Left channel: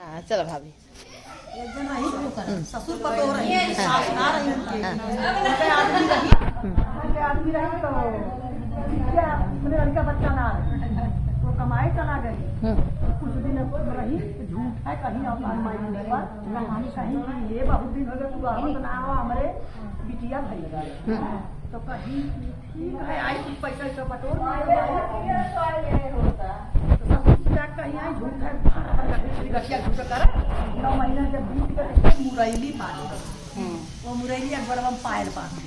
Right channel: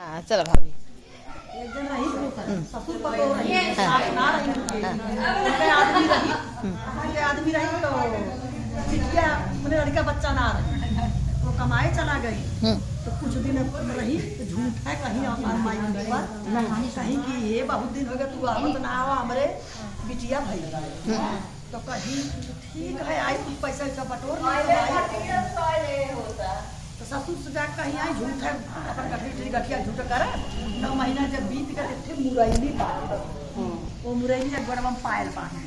हाँ चलो भाभी। एक दिन रही ससुर पतो रही सास ना रही उनके आदमी रही तो बिटिया अपने लड़का बच्चा ना रही वो कमाए चला गई तो कुछ दिन रही तो झूठ है कहीं अपन माई पर कहीं कि ये बहुत दिन हो गए तू आवत ना आवा हमारे बिटिया भई तो कहीं ठीक है आई कुछ पैसा ऐसा बटोर ससुर से कहीं आई झूठ है अपन गठिया झूठ कर 9 महीना जब बीत गए तो मुरैली पाले वो मुरैली अकबर हम पायल पाले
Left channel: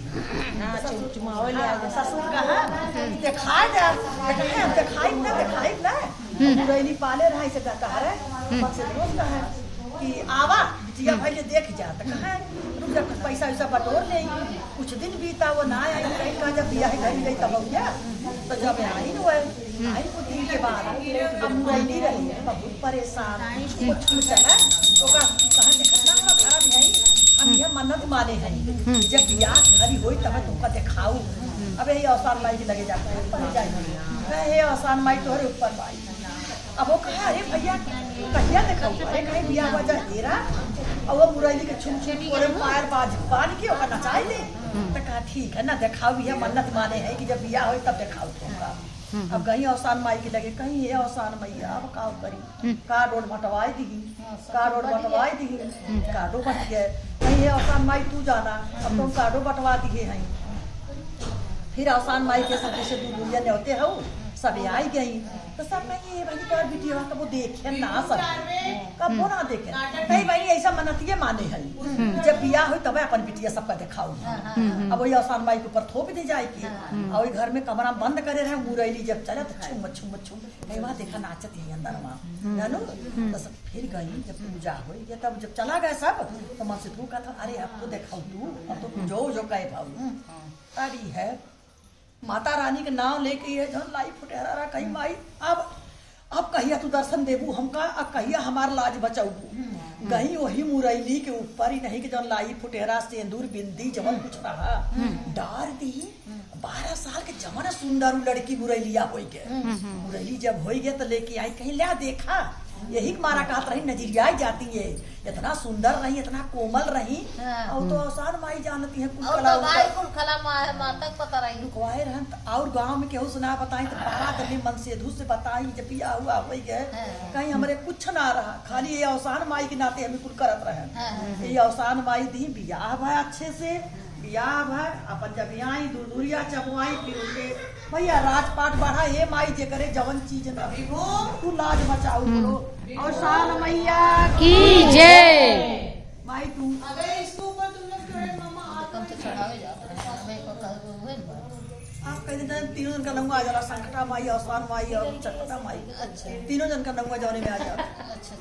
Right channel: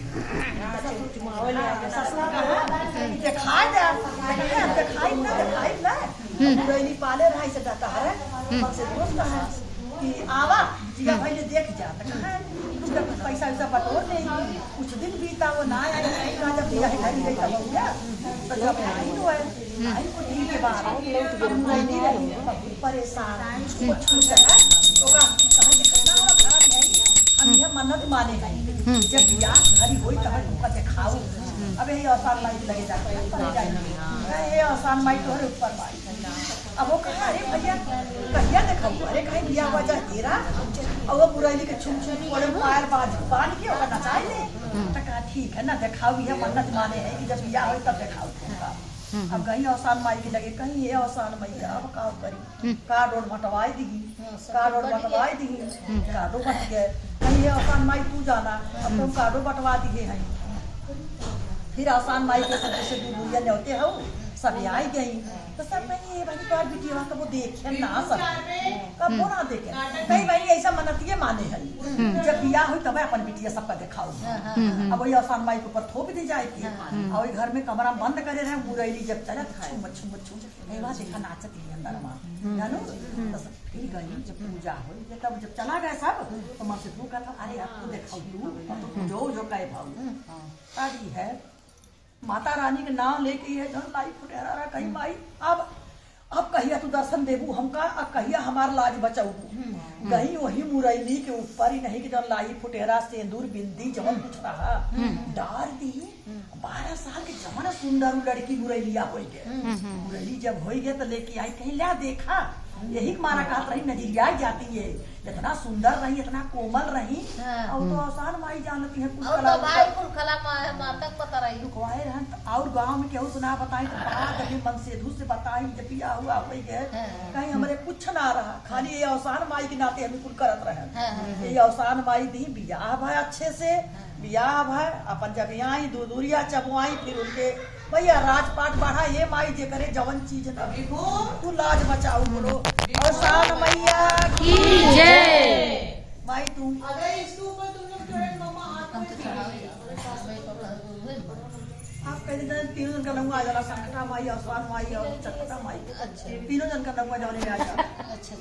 दिखाई ना मुरैली पाले रहा से कहता है से दोस्त है कि आवा जिया पहले देख जा जब पैसा वैसा बटोर लेगी कुछ दिन बीता वो ना आई कहीं कहा जब दिया है घर गई तब हो गया तो जब आई तो आई कुछ दिन के बाद मुरैली रही बहुत परेशान छू चला तो कहा कितना खराब है हम यह मन्नत माने हैं जब बियाह घरी होई तब तुमको दिखाऊ अबे ये आसान माई लगे जाते हैं जाइए ये आसान माई तोहरे ऊपर माई अब वो कहा अरे भैया कहिया दिखाऊ अरे कहीं बियाह हुआ जा तेरा और वो मुरैली के छुम पायर बांध के और नचाए ले तो कहा ठीक है ना दिखाऊ यह मन्नत माने हैं कि जब बियाह हो तब दिखाऊ अब कहीं आसान माई की लगे कहीं ये आसान मैया अब का करी कार्ड और बटवाई दी कार्डो बट गए कहीं ये आसान माई तू जाना अब तुम कार्डो बटवा दिए हैं फिर आसान माई के सब जैसे दूरिया लेते हो सब आई गई तो सब कहीं ये भाई तो बिटिया का वो देखे ना सब कब वो ना देखे कहीं भाई ऐसा मनतिये माने है जब बियाह हुई तब अपन बिटिया सबका दिखाऊ अब वही आसान माई के ऊपर थोप दी जाएगी और घर में कमरा बंद करे रहे मुरैली जब चले तो छुम वहाँ देखा नाचत ही अंदर वहाँ जानू तो फिर गई जब पूजा हुई तब जब चला गया सब तो माँ से तू कहता अरे आपको दिखाऊ तू जो कहे भाऊ तभी है माता रानी के नाम लेके है जन लाई फुटेरा कहीं माई अब कहिया तू दर्शन देबू हमका अब कहिया हमार लाज बचाऊबू कहीं वही मुरैली के ऊपर ही नहीं कि जन लाई फुटेरा सिंदूर बिंदी जमन कुछ रहा डार दी 12 साल के जमन सुंदर लड़की मुरैलिया हो गए मुरैली जब हो गए तो लेके आई कहीं ला देखा यही मारा कहत रही नजरिया जाती है इतना सुंदर रही इतना कोमल रही और तो आसान माई जानती है और गांव में केहू सुना बताई तो बात अभी मन से धूस से बताई जब बियाह हुआ हो गए कहीं हमारे कुछ ना रहा खाली ये आसान माई के नाते हमें कुल करत रहे ये आसान माई दी बियाह भाई अच्छे से बियाह भाई अपन जब यहाँ दूरिया चबुआई फिर उनके भैया राजपाट बढ़ा ये माई जे करे जवन चीज न तू लाज बचाऊ बोलो आसान मैया की जय। भाई तू अगर इसके ऊपर तुम लोग थोड़े मामा आप कह दिन तीनों जन का नंगा आ जा संकटा माई आसान माई और चकटा माई तीनों जन का नंगा जाने में आ जा अच्छा